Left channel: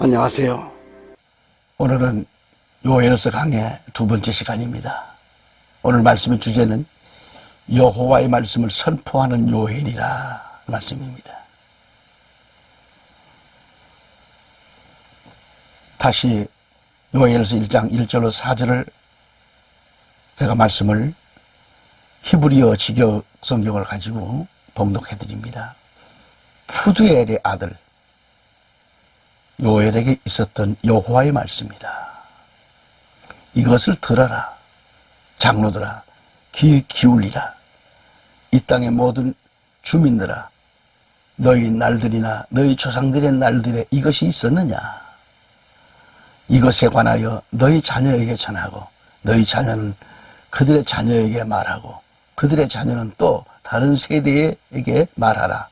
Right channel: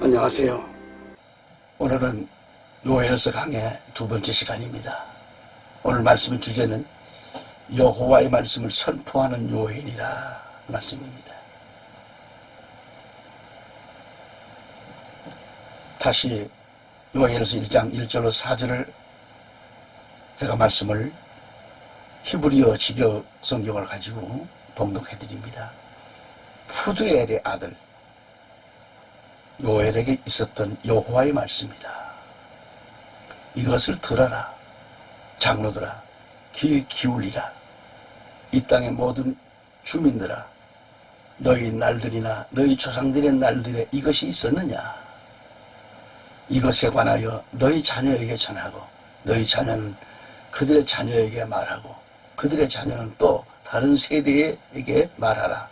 안녕하세요. 오늘은 요엘서 강의 두 번째 시간입니다. 오늘 말씀의 주제는 여호와의 말씀을 선포하는 요엘이라 말씀입니다. 다시 요엘서 1장 1절로 4절을 제가 말씀을 히브리어 직역 성경을 가지고 봉독해 드립니다. 푸드엘의 아들 요엘에게 있었던 여호와의 말씀이다. 이것을 들어라. 장로들아, 귀 기울이라. 이 땅의 모든 주민들아, 너희 날들이나 너희 조상들의 날들에 이것이 있었느냐? 이것에 관하여 너희 자녀에게 전하고 너희 자녀는 그들의 자녀에게 말하고 그들의 자녀는 또 다른 세대에게 말하라.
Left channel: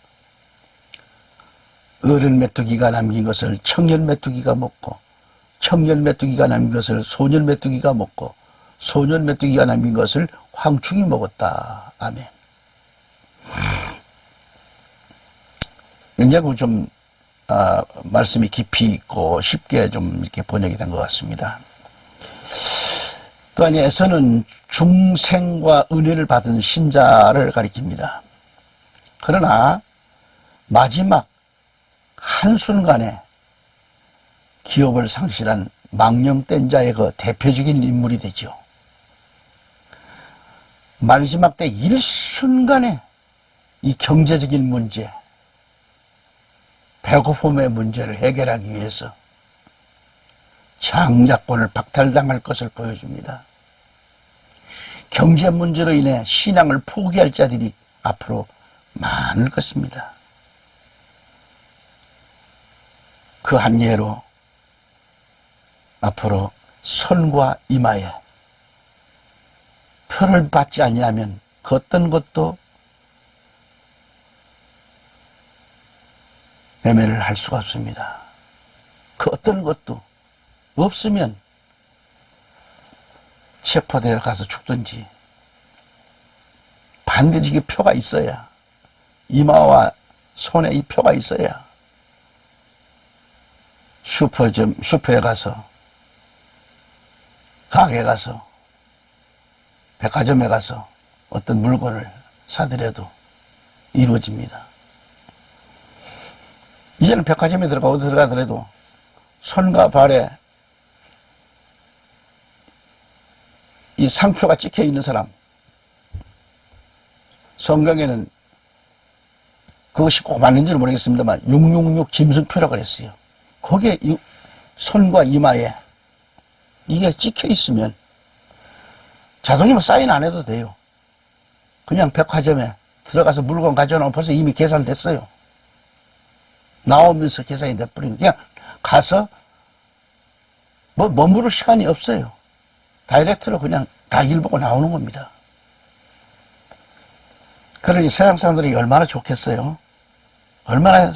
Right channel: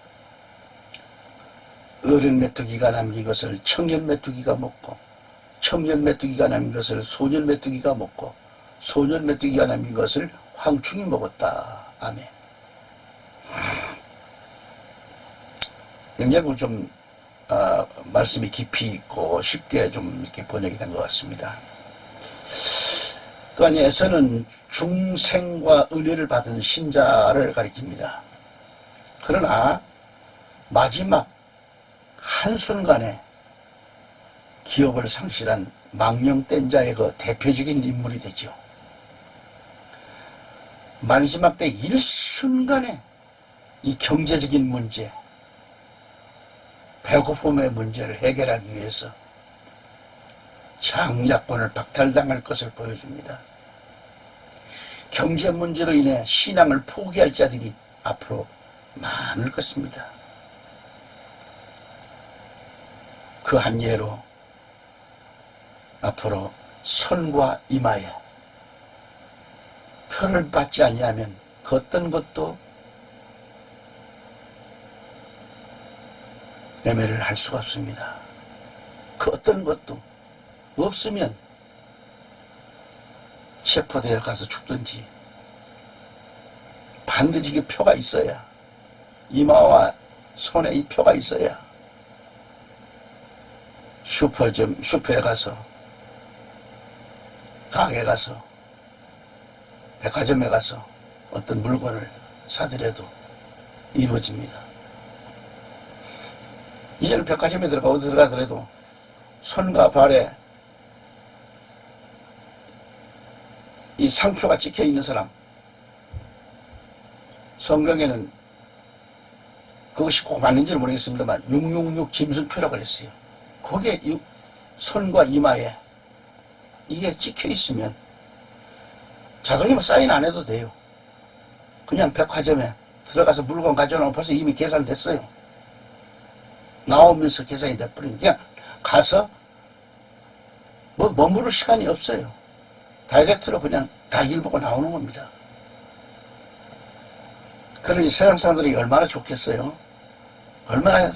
어른 메뚜기가 남긴 것을 청년 메뚜기가 먹고 청년 메뚜기가 남긴 것을 소년 메뚜기가 먹고 소년 메뚜기가 남긴 것을 황충이 먹었다. 아멘. 굉장히 좀 말씀이 깊이 있고 쉽게 좀 이렇게 번역이 된 것 같습니다. 또한 에서는 중생과 은혜를 받은 신자를 가리킵니다. 그러나 마지막 한순간에 기업을 상실한 망령된 자의 그 대표적인 인물이 되죠. 마지막 때 일순간에 이 경제적인 문제, 배고픔의 문제를 해결하기 위해서 장자권을 박탈당할 것을 보여줍니다. 경제 문제로 인해 신앙을 포기할 자들이 앞으로 많을 것입니다. 그 한 예로 앞으로 선과 이마에 표를 받지 아니하면 그 어떤 것도 매매를 할 수가 없습니다. 그 어떤 것도 없으면 체포되어 가서 죽든지 반드시 그 표가 있어야, 이마와 손에 이 표가 있어야 슈퍼에 가서, 가게에 가서, 백화점에 가서 어떤 물건을 사더라도 이루어집니다. 이제는 백화점에 들어가더라도 손과 발에 이 상표가 찍혀 있는 사람, 성경에는 그것이 꼭 맞는지는 모르겠습니다만 666 짐승표라고 그랬어요. 거기에 손과 이마에 이게 찍혀 있으면 자동이면 사인 안 해도 돼요. 그냥 백화점에 들어가서 물건 가져오면 벌써 이미 계산됐어요. 나오면서 계산이 돼버리는, 그냥 가서 뭐 머무를 시간이 없어요. 다이렉트로 그냥 다 일 보고 나오는 겁니다. 그러니 세상 사람들이 얼마나 좋겠어요. 얼마나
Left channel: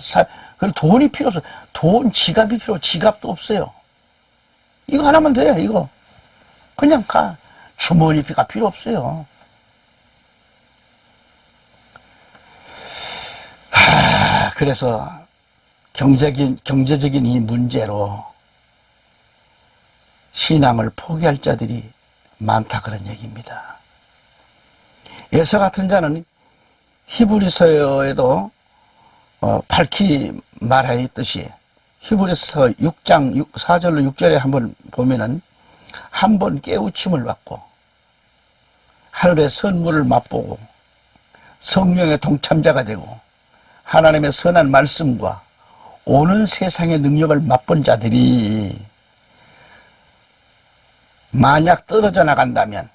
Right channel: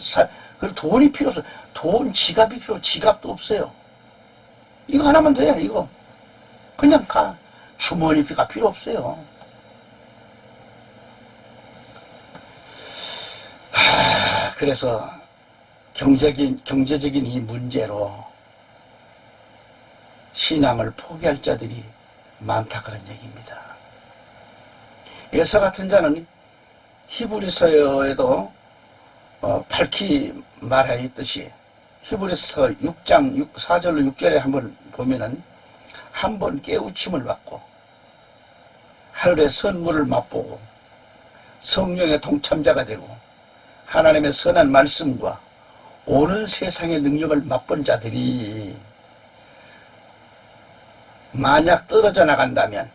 그리고 돈이 필요 없어요. 돈, 지갑이 필요, 지갑도 없어요. 이거 하나면 돼요, 이거. 그냥 가. 주머니피가 필요 없어요. 그래서 경제적인 이 문제로 신앙을 포기할 자들이 많다, 그런 얘기입니다. 에서 같은 자는 히브리서에도 밝히 말하였듯이 히브리서 6장 4절로 6절에 한번 보면은 한 번 깨우침을 받고 하늘의 선물을 맛보고 성령의 동참자가 되고 하나님의 선한 말씀과 오는 세상의 능력을 맛본 자들이 만약 떨어져 나간다면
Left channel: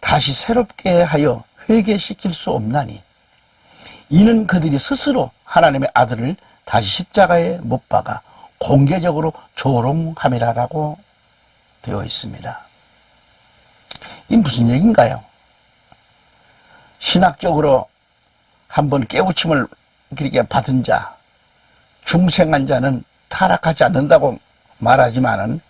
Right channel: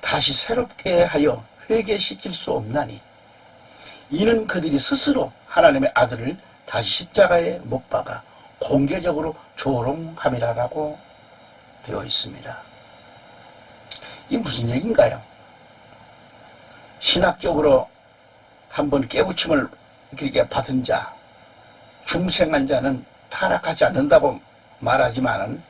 다시 새롭게 하여 회개시킬 수 없나니 이는 그들이 스스로 하나님의 아들을 다시 십자가에 못 박아 공개적으로 조롱함이라고 되어 있습니다. 이 무슨 얘기인가요? 신학적으로 한번 깨우침을 그렇게 받은 자, 중생한 자는 타락하지 않는다고 말하지만은,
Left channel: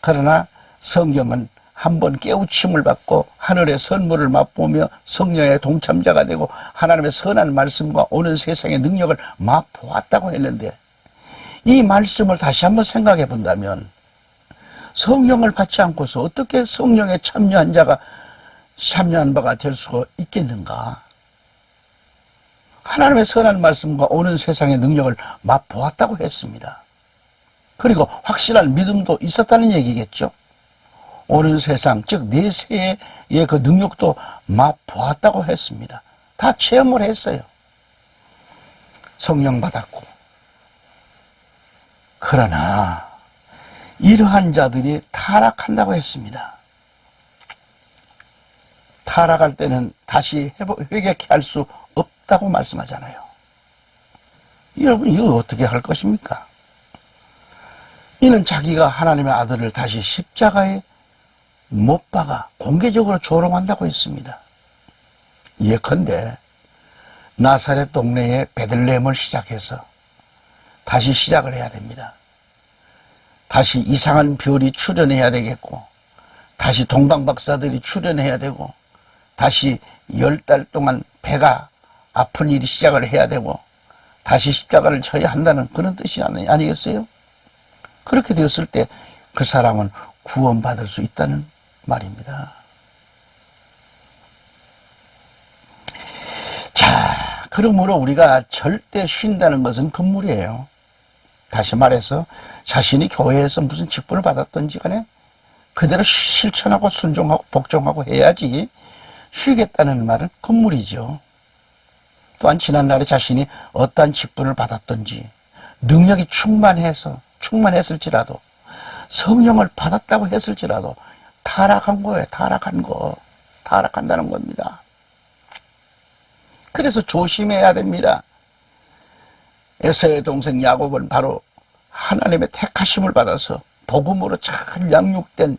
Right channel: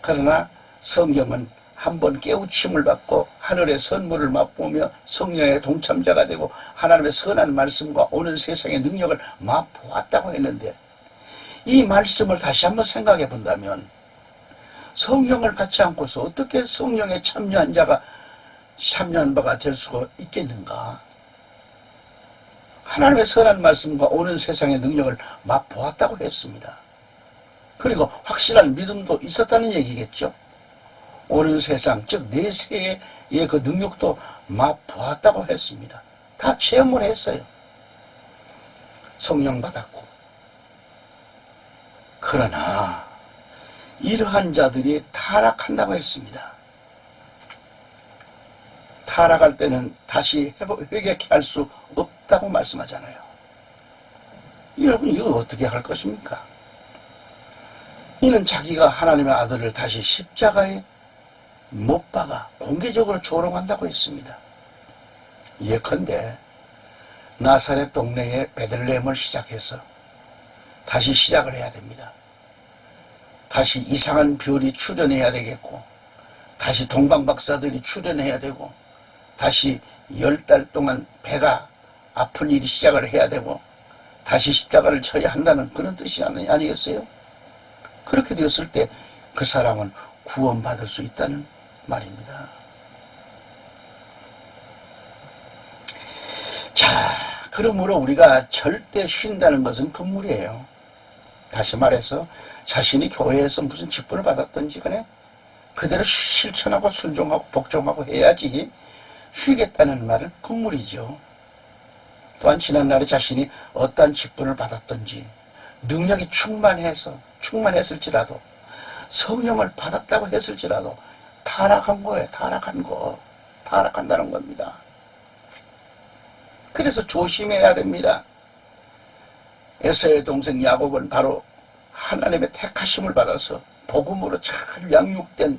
그러나 성경은 한번 깨우침을 받고 하늘의 선물을 맛보며 성령의 동참자가 되고 하나님의 선한 말씀과 오는 세상의 능력을 맛보았다고 했는데, 이 말씀을 다시 한번 생각해 본다면 성령을 받지 않고서 어떻게 성령에 참여한 자가 참여한 바가 될 수가 있겠는가? 하나님의 선한 말씀과 오는 세상의 능력을 맛보았다고 했습니다. 그리고 확실한 믿음도 있었다는 얘기겠죠. 오는 세상, 즉 내세의 그 능력도 맛보았다고 했습니다. 다 체험을 했어요. 성령 받았고. 그러나 이러한 자들이 타락한다고 했습니다. 타락할 때는 다시 회개케 할 수 없다고 말씀하잖아요. 여러분, 이거 어떻게 할 것입니까? 이는 자기가 하나님의 아들을 다시 십자가에 못 박아 공개적으로 조롱한다고 했습니다. 예컨대 나사렛 동네에 베들레헴을 시작해서 다시 시작을 해야 됩니다. 다시 이상한 별이 출현해야 되겠고, 다시 동방박사들이 출현해야 되고, 다시 10달 동안 배가 아픈 일이 시작을 해야 되고, 다시 십자가를 쳐야 한다는 그런 뜻이 아니겠어요? 그렇게 되었을 때 그 사람은 구원받을 수 있다는 말입니다. 자, 그러므로 우리가 절대 쉰다는 것은 금물이에요. 다시 말해서 자신이 교회에서 무슨 직분을 받았던지 간에 그대로 실천하고 순종하고 복종하고 해야지 쉬겠다는 말은 금물이죠. 또한 지난날에 자신이 어떠한 직분을 받았던지 능력이 충만했을지라도 성령을 받았다고 했을지라도 타락한 거예요. 타락한다는 겁니다. 그래서 조심해야 됩니다. 에서의 동생 야곱은 바로 하나님의 택하심을 받아서 복음으로 잘 양육된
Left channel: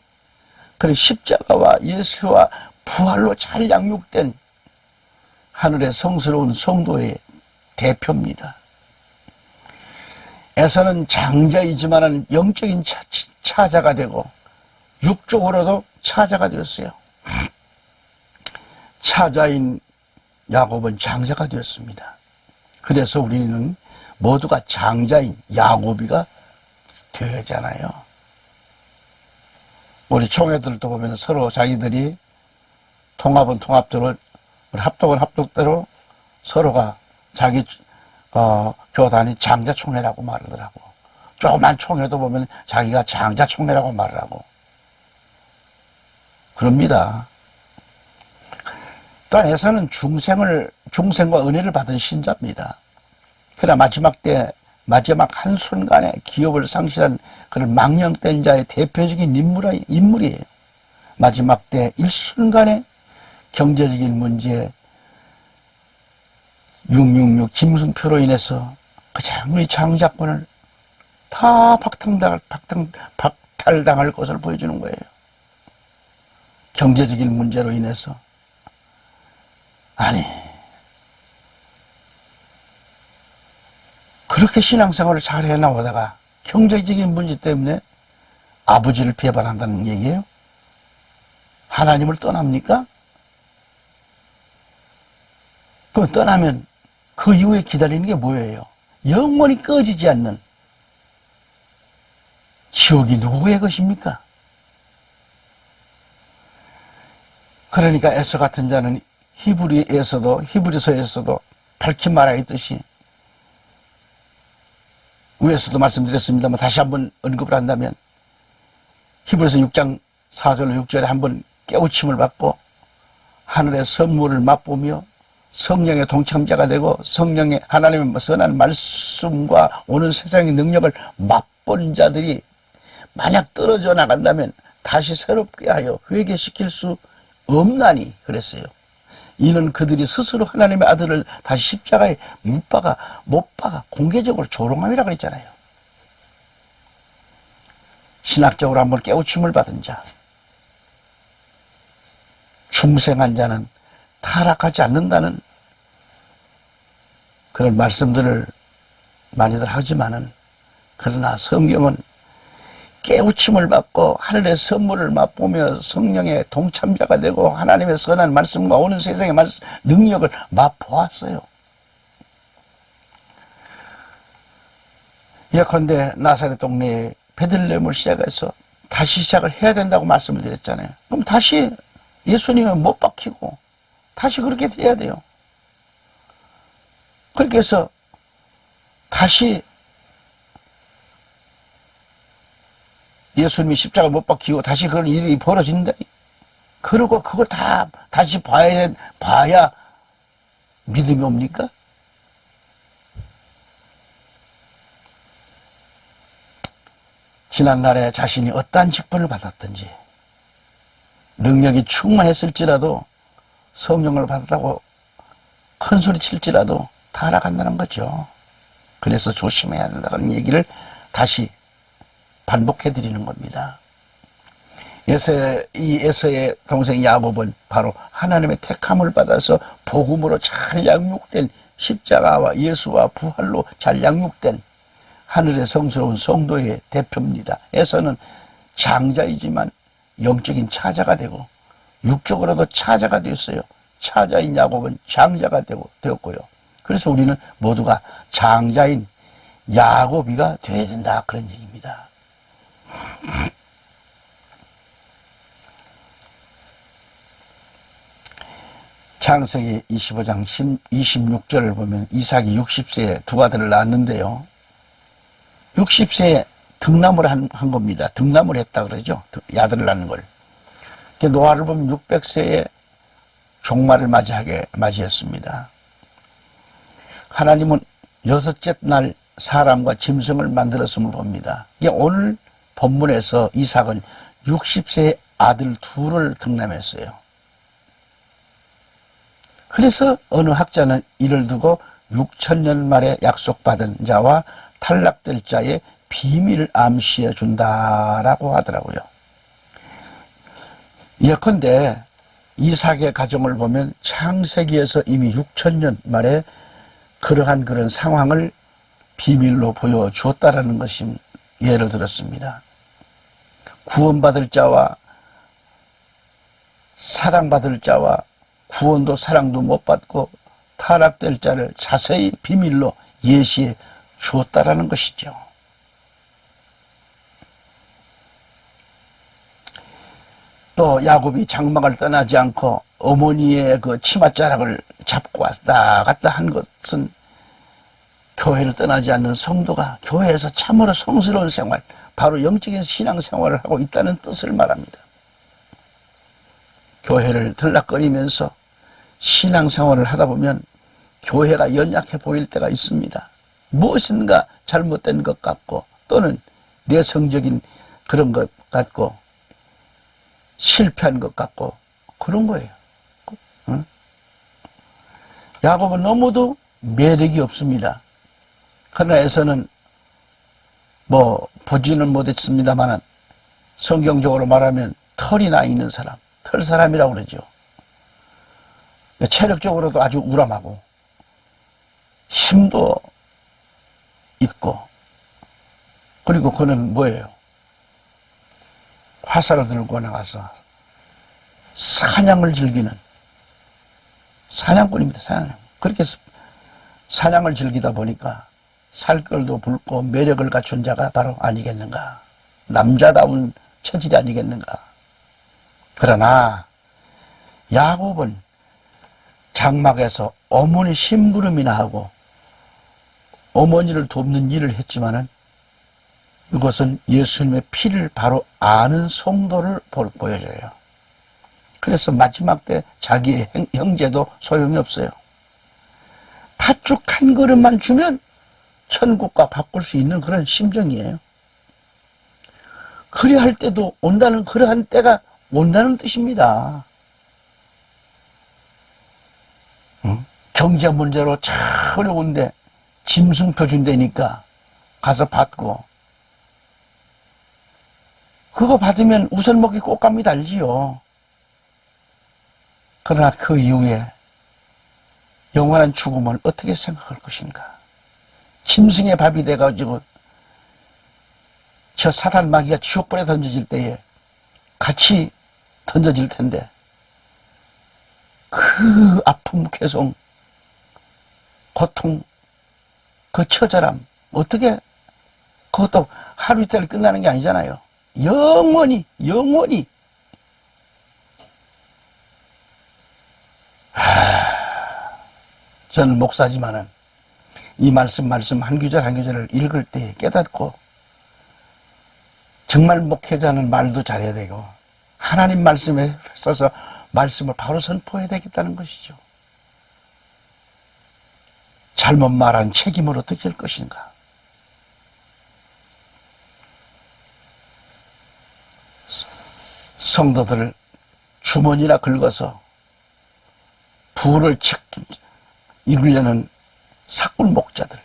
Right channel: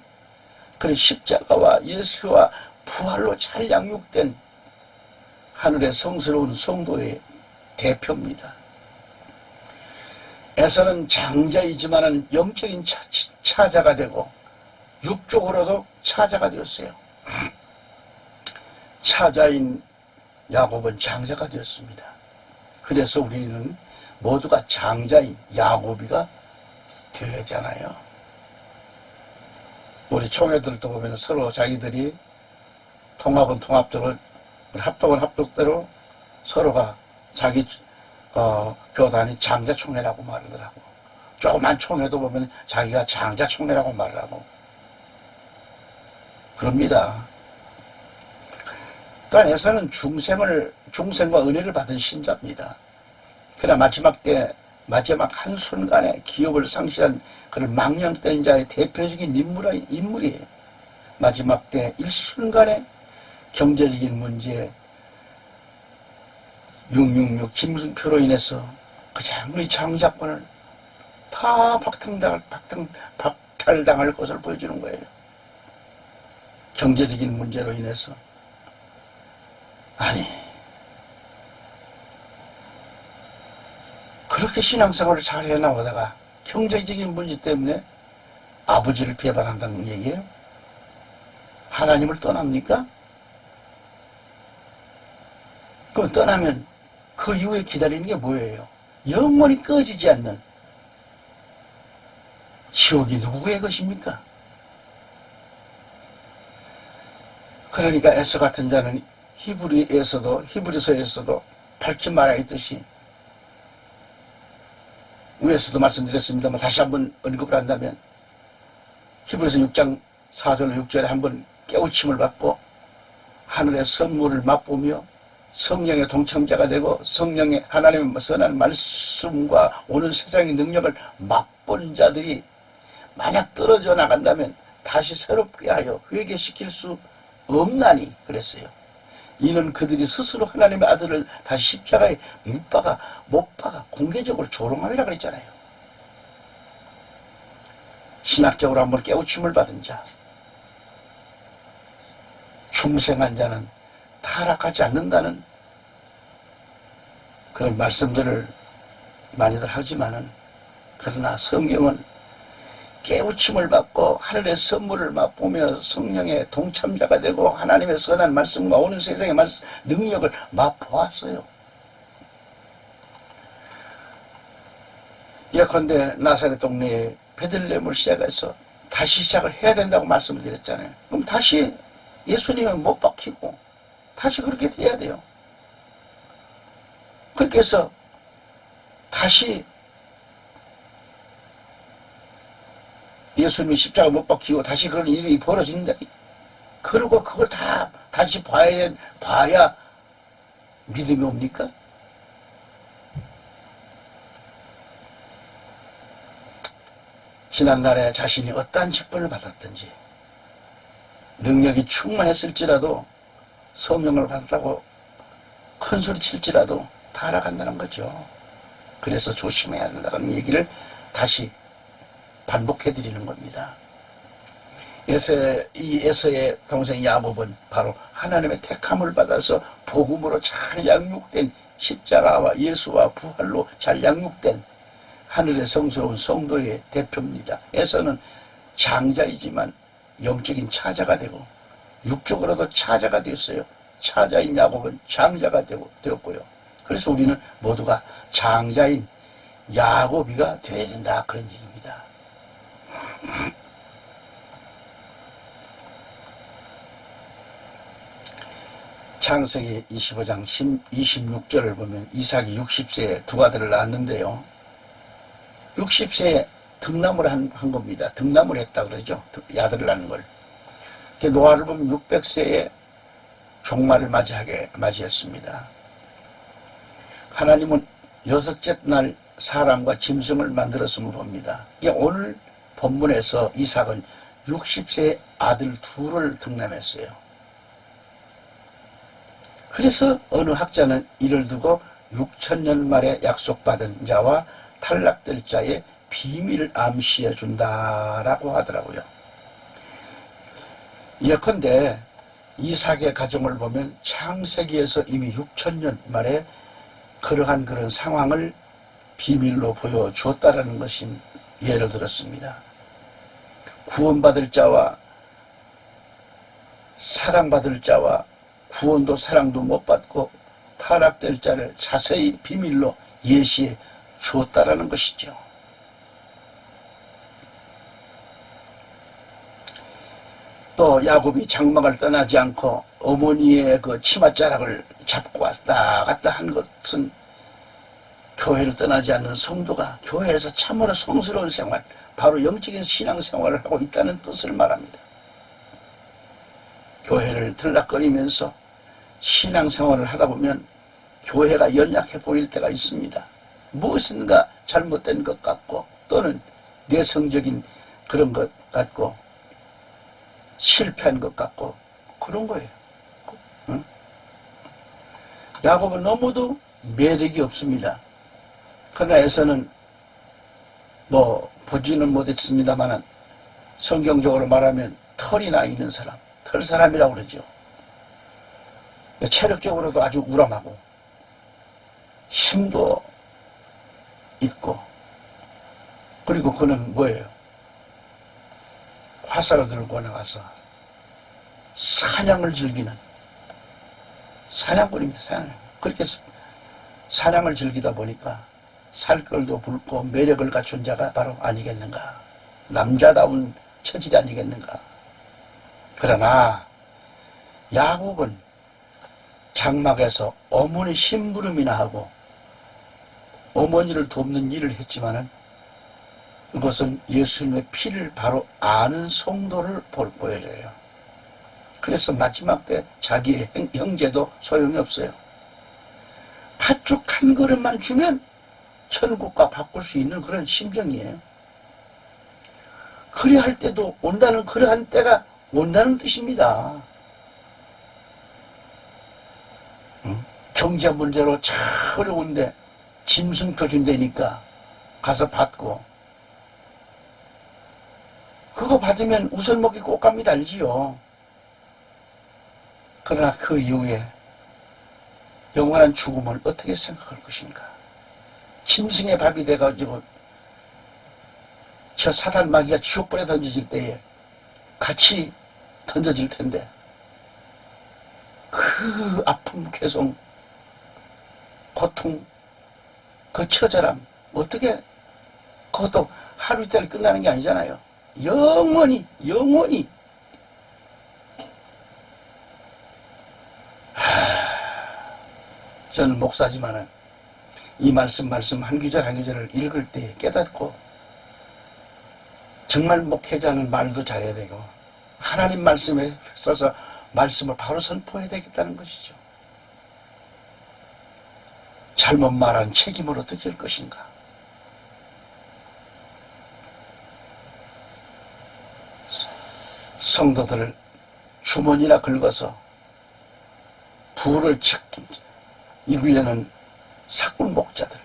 그런 십자가와 예수와 부활로 잘 양육된 하늘의 성스러운 성도의 대표입니다. 에서는 장자이지만은 영적인 차자가 되고 육적으로도 차자가 되었어요. 차자인 야곱은 장자가 되었습니다. 그래서 우리는 모두가 장자인 야곱이가 되잖아요. 우리 총회들도 보면 서로 자기들이 통합은 통합대로, 합독은 합독대로 서로가 자기 교단이 장자총회라고 말하더라고. 조그만 총회도 보면 자기가 장자총회라고 말을 하고 그럽니다. 또한 에서는 중생과 은혜를 받은 신자입니다. 그러나 마지막 한순간에 기업을 상실한 그런 망령된 자의 대표적인 인물이에요. 마지막 때 일순간에 경제적인 문제, 666 짐승표로 인해서 그 장의 장자권을 다 박탈당할 것을 보여주는 거예요. 경제적인 문제로 인해서. 아니, 그렇게 신앙생활을 잘 해나가다가 경제적인 문제 때문에 아버지를 배반한다는 얘기예요? 하나님을 떠납니까? 그럼 떠나면 그 이후에 기다리는 게 뭐예요? 영원히 꺼지지 않는 지옥이 누구의 것입니까? 그러니까 에서 같은 자는 히브리서에서도 밝히 말하였듯이 위에서도 말씀드렸습니다만 다시 한번 언급을 한다면 히브리서 6장 4절로 6절에 한번 깨우침을 받고 하늘의 선물을 맛보며 성령의 동참자가 되고 성령의 하나님의 선한 말씀과 오는 세상의 능력을 맛본 자들이 만약 떨어져 나간다면 다시 새롭게 하여 회개시킬 수 없나니 그랬어요. 이는 그들이 스스로 하나님의 아들을 다시 십자가에 못 박아 공개적으로 조롱함이라 그랬잖아요. 신학적으로 한번 깨우침을 받은 자, 중생한 자는 타락하지 않는다는 그런 말씀들을 많이들 하지만은 그러나 성경은 깨우침을 받고 하늘의 선물을 맛보며 성령의 동참자가 되고 하나님의 선한 말씀과 오는 세상의 능력을 맛보았어요. 예컨대 나사렛 동네에 베들레헴을 시작해서 다시 시작을 해야 된다고 말씀을 드렸잖아요. 그럼 다시 예수님은 못 박히고 다시 그렇게 돼야 돼요. 그렇게 해서 다시 예수님이 십자가 못 박히고 다시 그런 일이 벌어진다. 그리고 그걸 다 다시 봐야 믿음이 옵니까? 지난날에 자신이 어떠한 직분을 받았든지 능력이 충만했을지라도 성령을 받았다고 큰소리 칠지라도 다 알아간다는 거죠. 그래서 조심해야 된다는 얘기를 다시 반복해 드리는 겁니다. 이 에서의 동생 야곱은 바로 하나님의 택함을 받아서 복음으로 잘 양육된 십자가와 예수와 부활로 잘 양육된 하늘의 성스러운 성도의 대표입니다. 에서는 장자이지만 영적인 차자가 되고 육적으로도 차자가 되었어요. 차자인 야곱은 장자가 되었고요. 그래서 우리는 모두가 장자인 야곱이가 되어야 된다, 그런 얘기입니다. 창세기 25장 26절을 보면 이삭이 60세에 두 아들을 낳았는데요. 60세에 등남을 한 겁니다. 등남을 했다 그러죠. 아들을 낳는 걸. 노아를 보면 600세에 종말을 맞이했습니다. 하나님은 여섯째 날 사람과 짐승을 만들었음을 봅니다. 오늘 본문에서 이삭은 60세의 아들 둘을 등남했어요. 그래서 어느 학자는 이를 두고 6천년 만에 약속받은 자와 탈락될 자의 비밀을 암시해 준다라고 하더라고요. 예컨대 이삭의 가정을 보면 창세기에서 이미 6천년 만에 그러한 그런 상황을 비밀로 보여주었다라는 것이 예를 들었습니다. 구원받을 자와 사랑받을 자와 구원도 사랑도 못 받고 타락될 자를 자세히 비밀로 예시해 주었다라는 것이죠. 또 야곱이 장막을 떠나지 않고 어머니의 그 치맛자락을 잡고 왔다 갔다 한 것은 교회를 떠나지 않는 성도가 교회에서 참으로 성스러운 생활, 바로 영적인 신앙생활을 하고 있다는 뜻을 말합니다. 교회를 들락거리면서 신앙생활을 하다 보면 교회가 연약해 보일 때가 있습니다. 무엇인가 잘못된 것 같고 또는 내성적인 그런 것 같고 실패한 것 같고 그런 거예요. 응? 야곱은 너무도 매력이 없습니다. 그러나 에서는 보지는 못했습니다만 성경적으로 말하면 털이 나 있는 사람, 털 사람이라고 그러죠. 체력적으로도 아주 우람하고 힘도 있고, 그리고 그는 뭐예요? 화살을 들고 나가서 사냥을 즐기는 사냥꾼입니다. 사냥. 그렇게 사냥을 즐기다 보니까 살결도 붉고 매력을 갖춘 자가 바로 아니겠는가. 남자다운 체질이 아니겠는가. 그러나 야곱은 장막에서 어머니 심부름이나 하고 어머니를 돕는 일을 했지만은 이것은 예수님의 피를 바로 아는 성도를 보여줘요. 그래서 마지막 때 자기의 형제도 소용이 없어요. 팥죽 한 그릇만 주면 천국과 바꿀 수 있는 그런 심정이에요. 그래야 할 때도 온다는 그러한 때가 온다는 뜻입니다. 경제 문제로 참 어려운데 짐승표 준다니까 가서 받고, 그거 받으면 우선 먹기 꽃감이 달지요. 그러나 그 이후에 영원한 죽음을 어떻게 생각할 것인가. 짐승의 밥이 돼가지고 저 사단 마귀가 지옥불에 던져질 때에 같이 던져질 텐데 그 아픔, 괴성, 고통, 그 처절함 어떻게 그것도 하루 이틀 끝나는 게 아니잖아요. 영원히, 영원히. 저는 목사지만은 이 말씀 한 구절 한 구절을 읽을 때 깨닫고 정말 목회자는 말도 잘해야 되고 하나님 말씀에 써서 말씀을 바로 선포해야 되겠다는 것이죠. 잘못 말한 책임을 어떻게 할 것인가. 성도들을 주머니나 긁어서 부를 이루려는 사꾼 목자들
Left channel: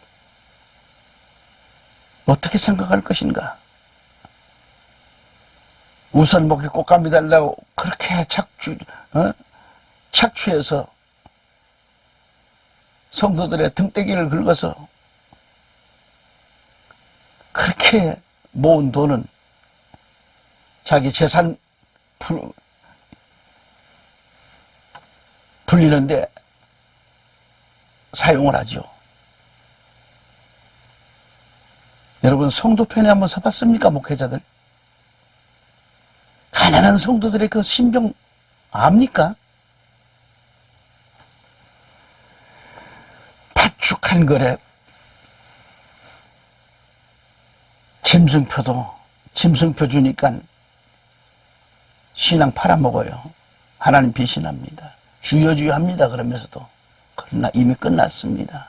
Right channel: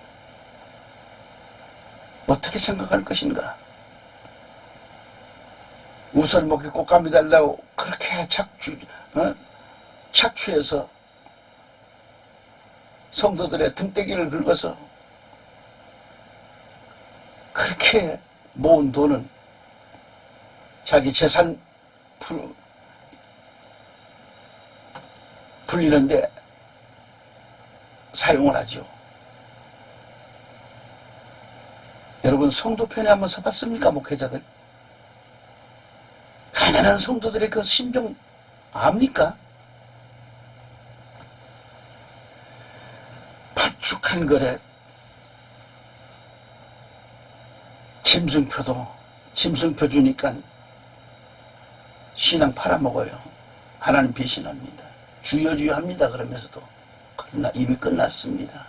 어떻게 생각할 것인가. 우선 목에 꽃감이 달라고 그렇게 착취해서 성도들의 등대기를 긁어서 그렇게 모은 돈은 자기 재산 불리는데 사용을 하죠. 여러분 성도 편에 한번 서봤습니까? 목회자들 가난한 성도들의 그 심정 압니까? 팥죽한 거래 짐승표 주니까 신랑 팔아먹어요. 하나님 배신합니다. 주여 합니다. 그러면서도 그러나 이미 끝났습니다.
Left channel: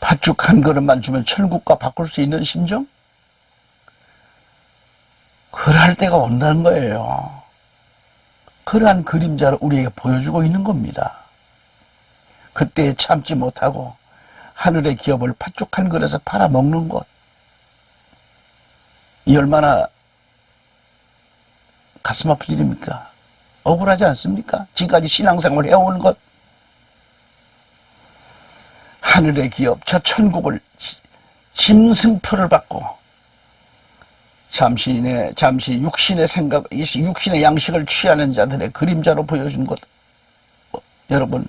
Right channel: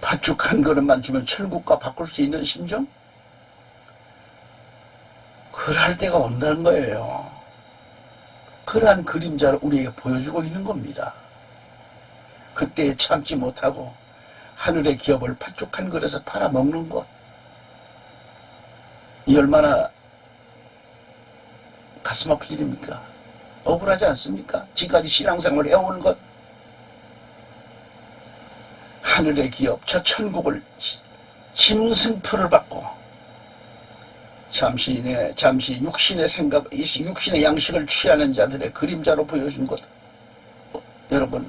팥죽 한 그릇만 주면 천국과 바꿀 수 있는 심정? 그럴 때가 온다는 거예요. 그러한 그림자를 우리에게 보여주고 있는 겁니다. 그때 참지 못하고 하늘의 기업을 팥죽 한 그릇에 팔아먹는 것, 이 얼마나 가슴 아플 일입니까? 억울하지 않습니까? 지금까지 신앙생활을 해온 것, 하늘의 기업, 저 천국을 짐승표를 받고 잠시 육신의 생각, 육신의 양식을 취하는 자들의 그림자로 보여준 것. 여러분,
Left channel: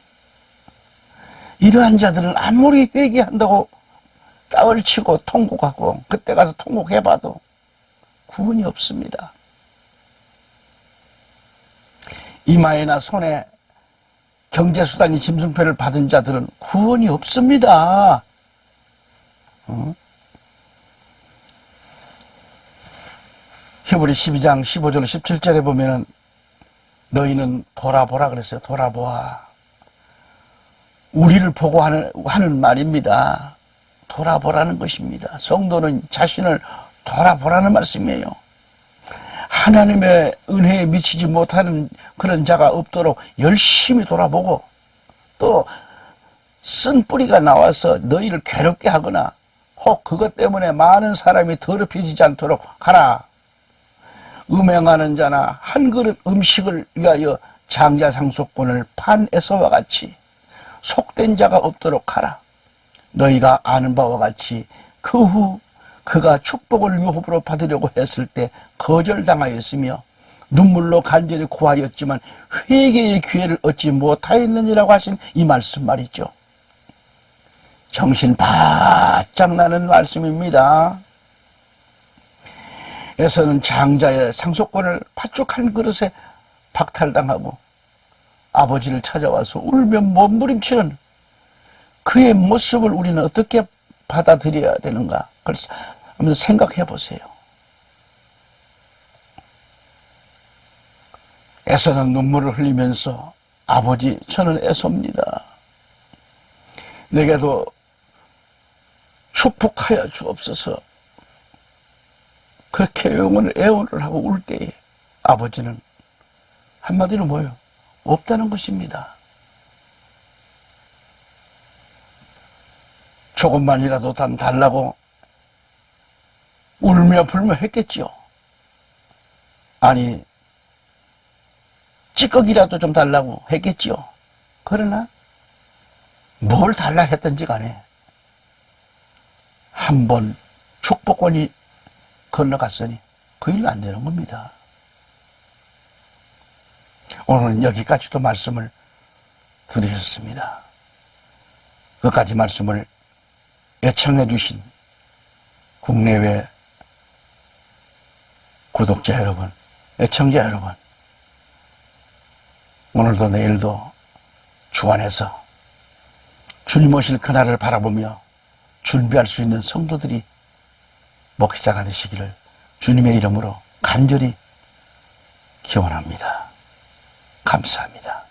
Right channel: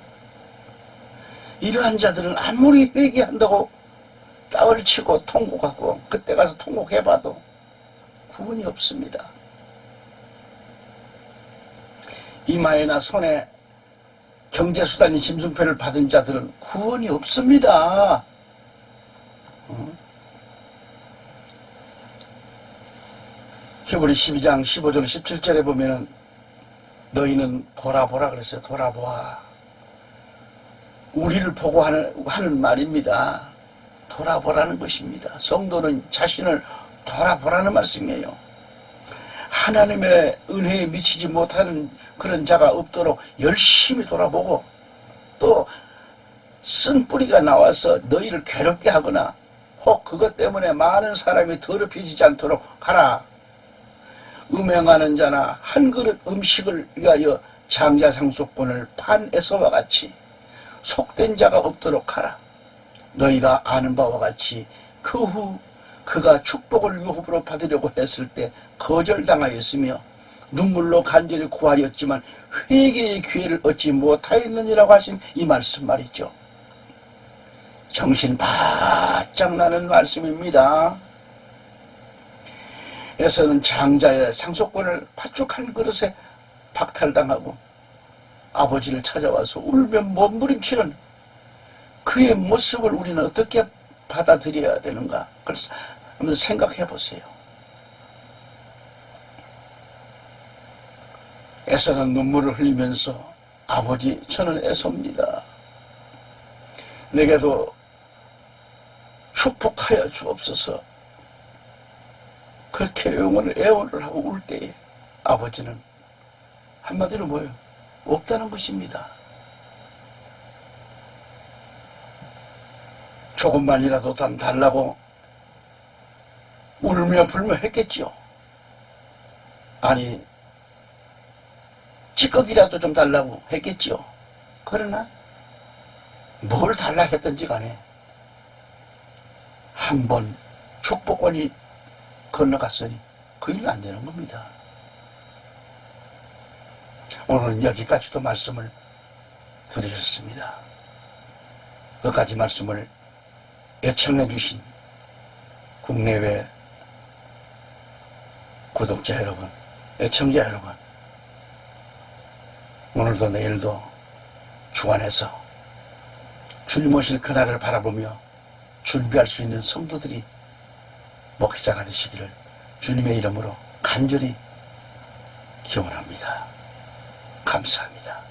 이러한 자들은 아무리 회개한다고 땅을 치고 통곡하고 그때 가서 통곡해봐도 구원이 없습니다. 이마에나 손에 경제수단이 짐승표를 받은 자들은 구원이 없습니다. 히브리 12장 15절 17절에 보면은 너희는 돌아보라 그랬어요. 돌아보아. 우리를 보고 하는 말입니다. 돌아보라는 것입니다. 성도는 자신을 돌아보라는 말씀이에요. 하나님의 은혜에 미치지 못하는 그런 자가 없도록 열심히 돌아보고 또 쓴 뿌리가 나와서 너희를 괴롭게 하거나 혹 그것 때문에 많은 사람이 더럽혀지지 않도록 하라. 음행하는 자나 한 그릇 음식을 위하여 장자 상속권을 판 에서와 같이 속된 자가 없도록 하라. 너희가 아는 바와 같이 그 후 그가 축복을 유업으로 받으려고 했을 때 거절당하였으며 눈물로 간절히 구하였지만 회개의 기회를 얻지 못하였느니라고 하신 이 말씀 말이죠. 정신 바짝 나는 말씀입니다. 에서는 장자의 상속권을 팥죽 한 그릇에 박탈당하고 아버지를 찾아와서 울며 몸부림치는 그의 모습을 우리는 어떻게 받아들여야 되는가? 그걸 한번 생각해 보세요. 에서는 눈물을 흘리면서 아버지 저는 에서입니다. 내게도 축복하여 주옵소서. 그렇게 애원을 하고 울 때에 아버지는 한마디로 뭐예요? 없다는 것입니다. 조금만이라도 달라고 울며 불며 했겠지요. 아니 찌꺼기라도 좀 달라고 했겠지요. 그러나 뭘 달라 했든지 간에 한 번 축복권이 건너갔으니 그 일은 안 되는 겁니다. 오늘은 여기까지도 말씀을 드리셨습니다. 끝까지 말씀을 애청해 주신 국내외 구독자 여러분, 애청자 여러분, 오늘도 내일도 주 안에서 줄 모실 그날을 바라보며 준비할 수 있는 성도들이 목회자가 되시기를 주님의 이름으로 간절히 기원합니다. 감사합니다.